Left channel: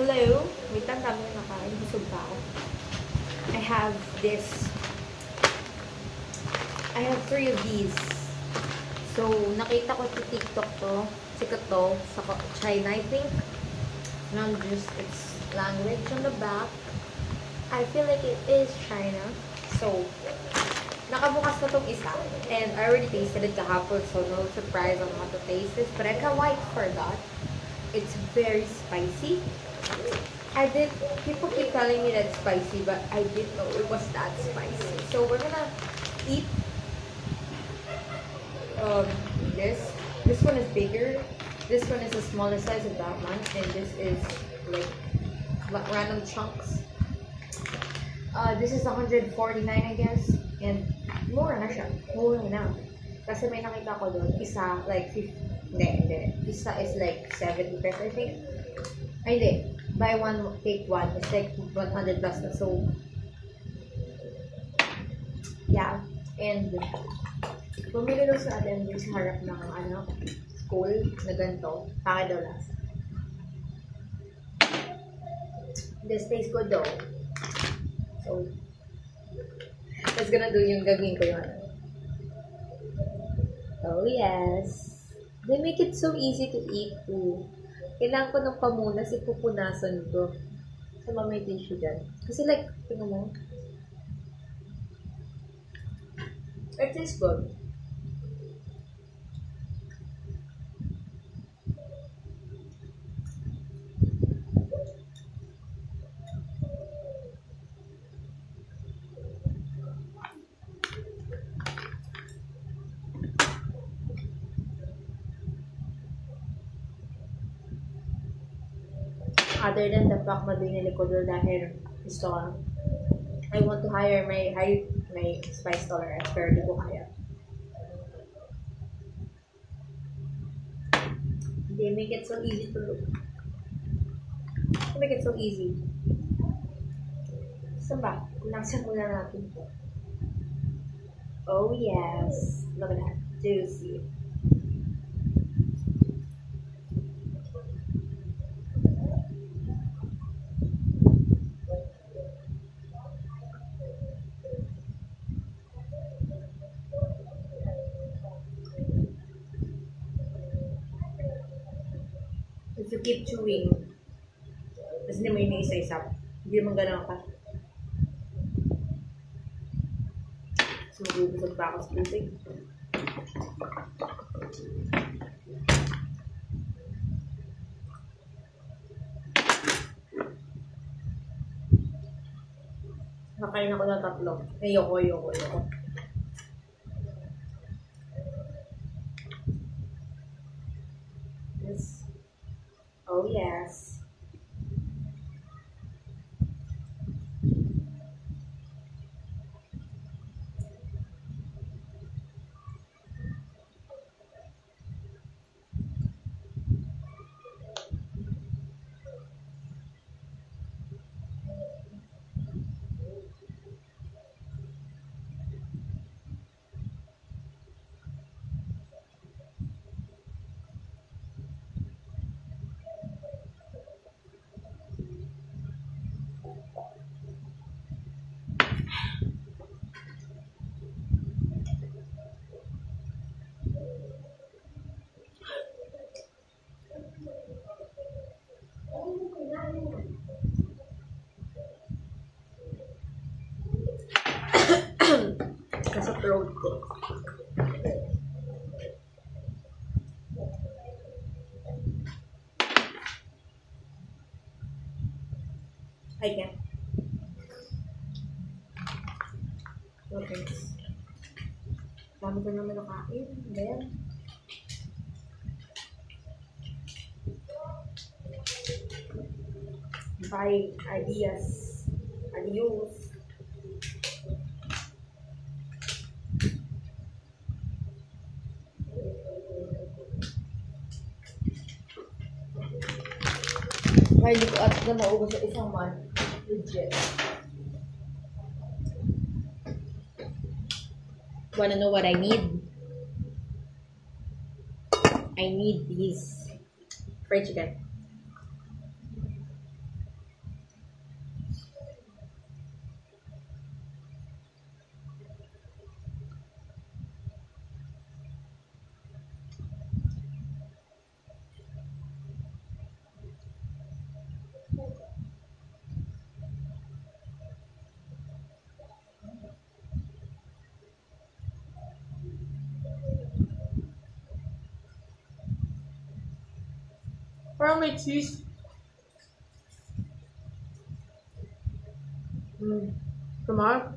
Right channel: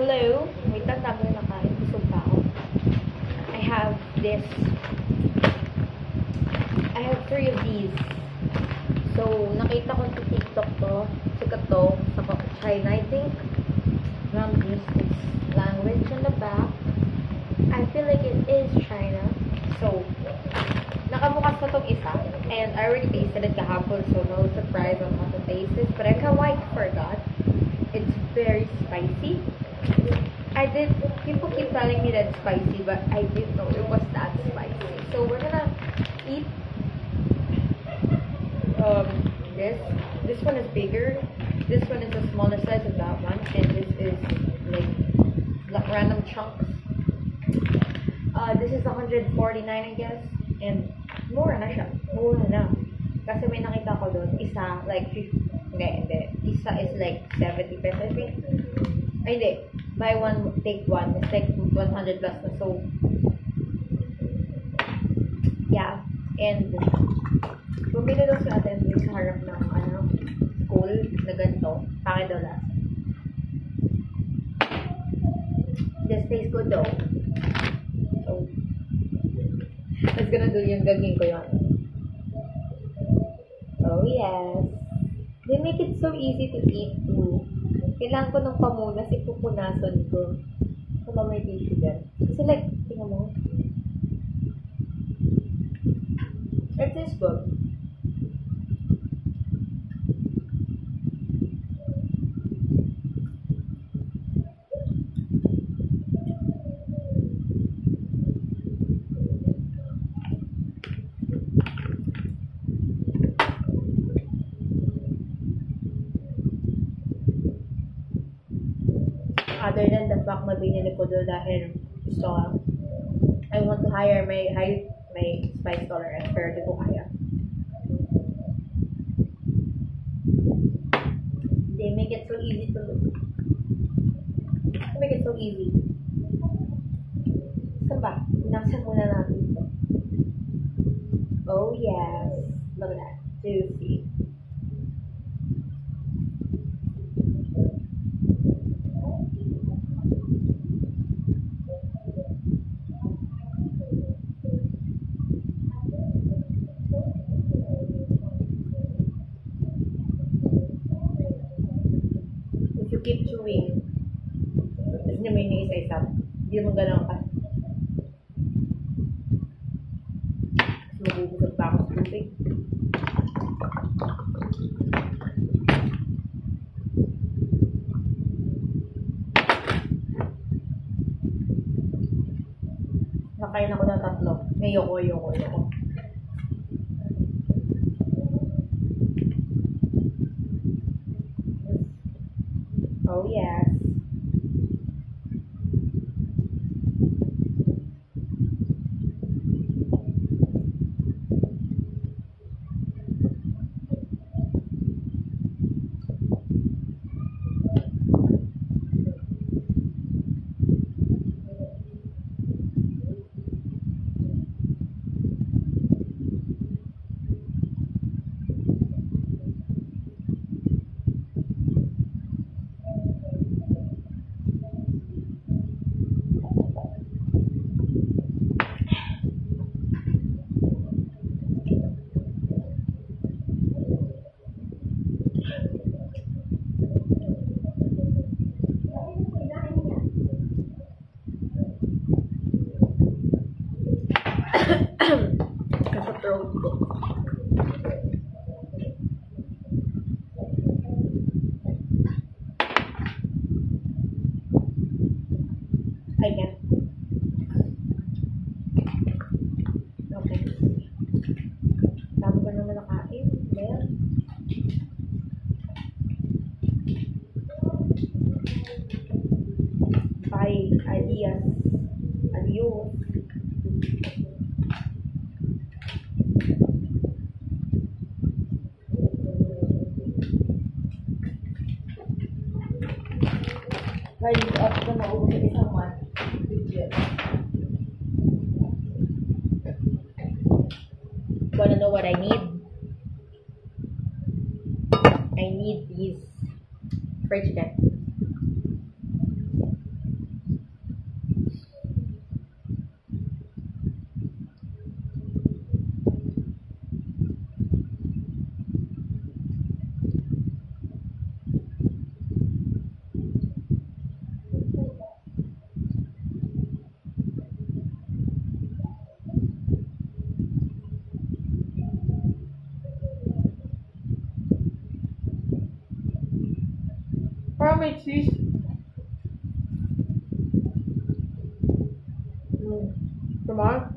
Hello? Wait lang, dami na nakain. Busog pa ako. I have this. I have 3 of these. So, nakita ko sa TikTok to. Sikat to. Sa China, I think. From just its language on the back. I feel like it is China. So, nakabukas na tong isa. And I already tasted it kahapon. So, no surprise on what the taste is. But I quite forgot. It's very spicy. People keep telling me that it's spicy, but I didn't know it was that spicy. So we're gonna eat this. This one is bigger. This one is the smallest size of that one, and this is like random chunks. This is 149, I guess, and mura na siya. Mura na. Kasi may nakita ko doon, isa like 50, hindi. Isa is like 70 pesos, I think. Ay, hindi. Buy one, take one. It's like 100 plus na. So, yeah. And, bumili daw sa atin sa harap ng, school na ganito. Pangit daw lasa. This tastes good though. So, let's gonna do yung gagawin ko yun. Oh, yes. They make it so easy to eat too. Kailangan ko ng pamunas, ipupunasan ko. So, may tissue dyan. Kasi like, tingnan mo. It tastes good. Other than the fact na binili ko doon dahil gusto ko, I want to hire my spice tolerance pero di ko kaya. They make it so easy to look. They make it so easy. Saan ba? Naksan muna natin ito. Oh yes. Look at that. Juicy. If you keep chewing, tapos hindi mo yung isa-isa, hindi naman ganun ka. Tapos magugusog pa ako sa tubig. Nakain ako ng 3. Ayoko. Oh yes. Sa throat ko. Ayan. No thanks. Dami ko naman nakain. Ayan. Bye. Adios. Adios. Ay, hindi ko at na maubos sa isang month. Legit. Wanna know what I need? I need these fried chicken. Parang may cheese. Tama?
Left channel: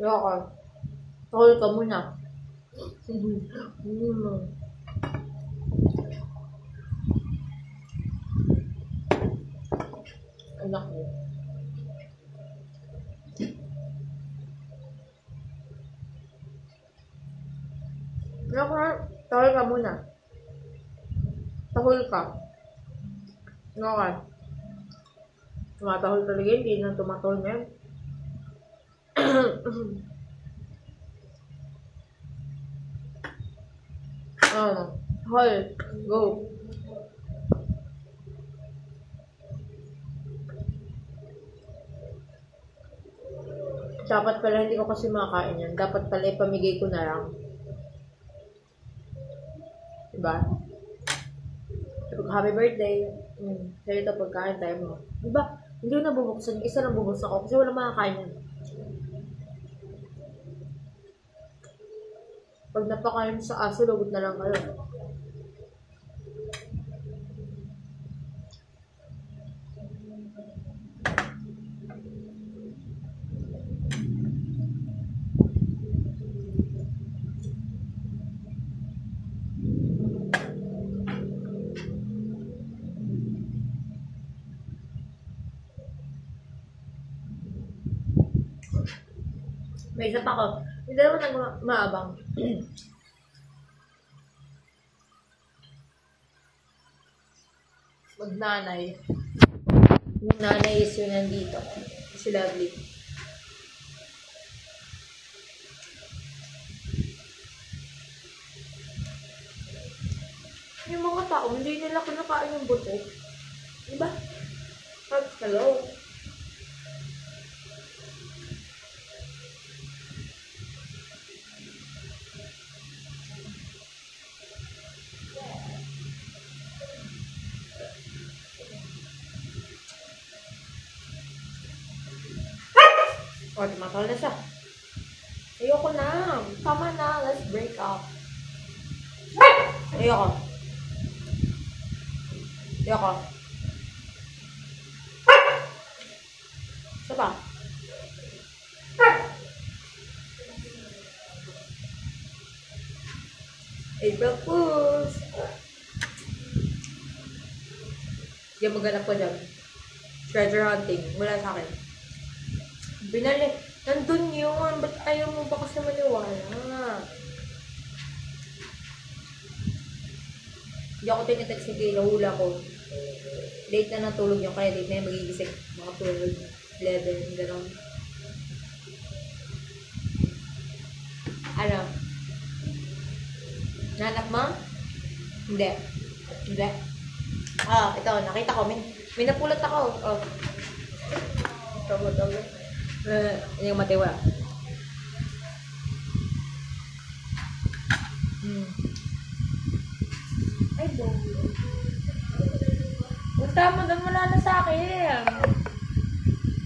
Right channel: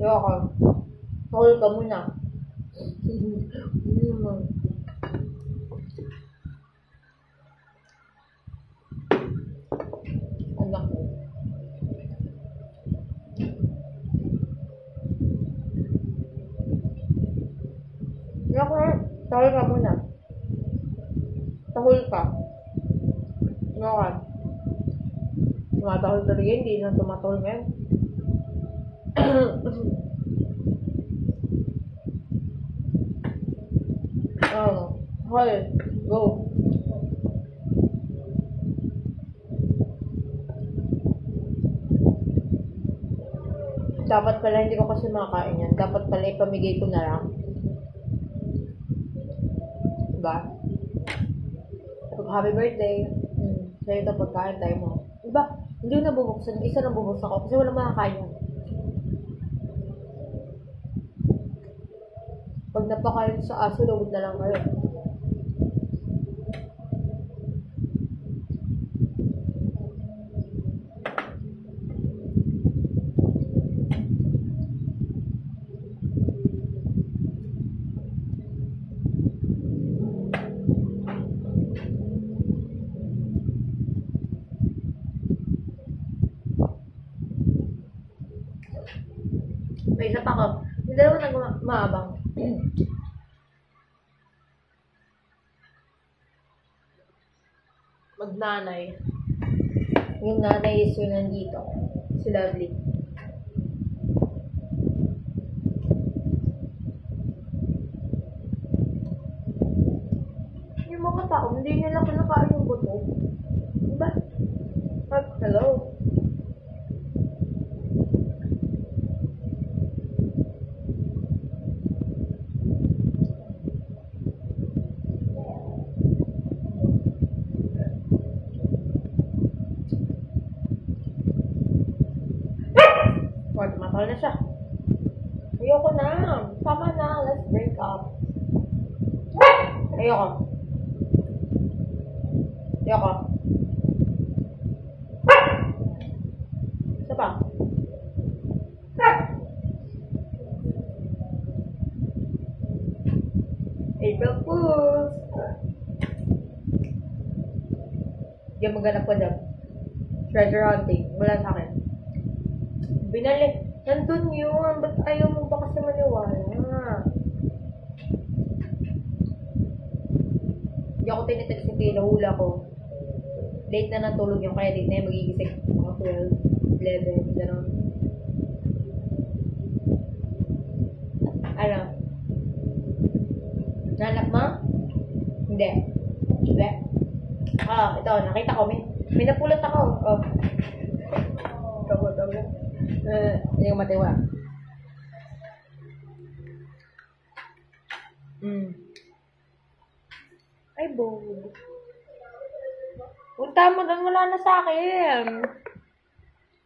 Ayoko. Hold ka muna. Anak mo. Ayoko na. Tahol ka muna. Tahol ka. Ayoko. Tumatahol talaga, hindi na tumatahol ngayon. Hol, go. Dapat pala hindi ko kasi makakain yan. Dapat pala ipamigay ko na lang. Diba? Happy birthday. Sa'yo ito pagkain tayo mo. Diba? Hindi ko nabubuksan. Isa lang bubuksan ko kasi wala makakain yan. Pag napakain sa aso, lugod na lang kayo. May isa pa ko. Hindi naman nagmaabang. Magnanay. Yung nanay is yung nandito. Si Lovely. Yung mga tao, hindi nila kinakain yung buto. Diba? Hello? O, tumatawal na siya. Ayoko na. Tama na. Let's break up. Ayoko. Ayoko. Isa pa. April Fools. Hindi maghanap ko dyan. Treasure hunting. Wala sa akin. Binali. Nandun yun. Ba't ayaw mo ba kasi maniwala? Hindi ako tinitext ni Kayla. Hula ko. Late na natulog yung kaya late na yung magigising. Mga 12, 11, gano'n. Ano? Nanak mo? Hindi. Hindi. Ito. Nakita ko. May napulot ako. Togo. Hindi ko matiwa. Ay, bobo. Punta mo doon, wala na sa akin.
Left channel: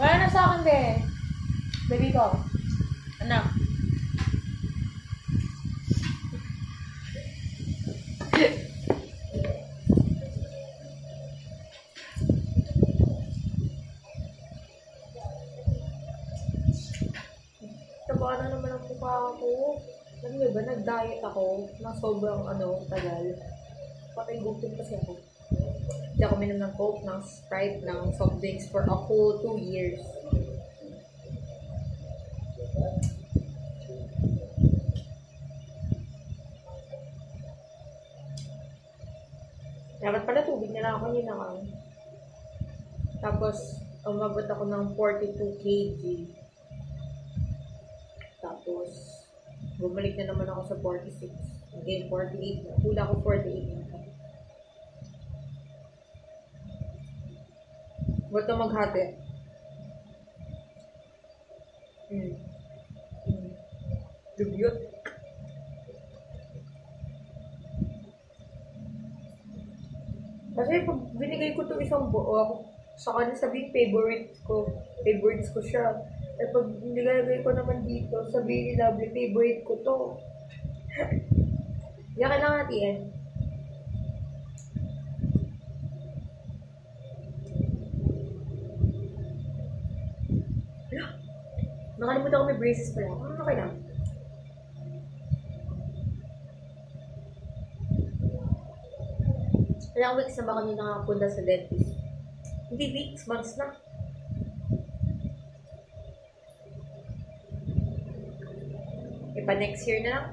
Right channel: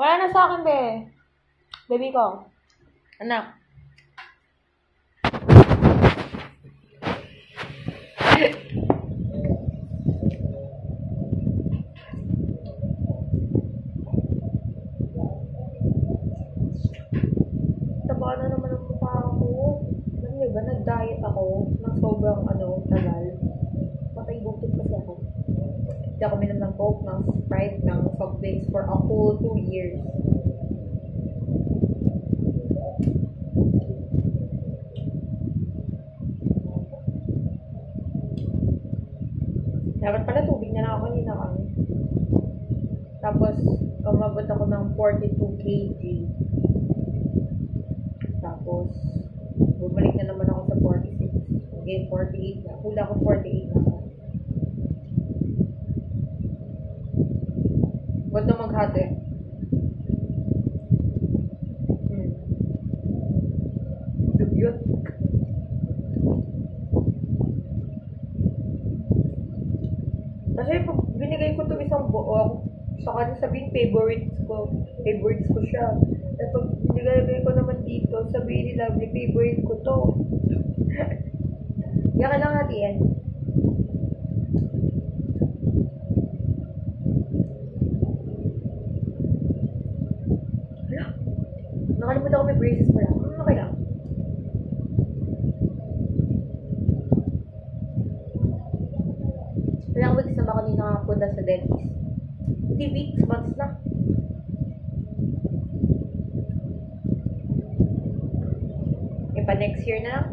Wala na sa akin, be. Baby ko. Anak. Taba na naman ang mukha ko. Alam niyo ba, nag-diet ako ng sobrang tagal. Patay gutom kasi ako. Hindi ako minom ng Coke, ng Sprite, ng soft drinks for a whole 2 years. Dapat pala tubig na lang ako yun ako. Tapos, umabot ako ng 42 kg. Tapos, bumalik na naman ako sa 46. Again, 48 na. Hula ko 48 na. Ba't na maghati? Dugyot. Kasi pag binigay ko itong isang buo, sa kanya sabihin favorites ko siya. Eh pag binigay ko naman dito, sabihin ni Lovely, favorite ko to. Yan ka lang natin. Nakalimutan ko may braces pala. Okay lang. Ilang weeks na ba ako hindi nakapunta sa dentist? Hindi weeks, months na. E pa next year na lang.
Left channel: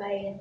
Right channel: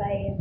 Bye.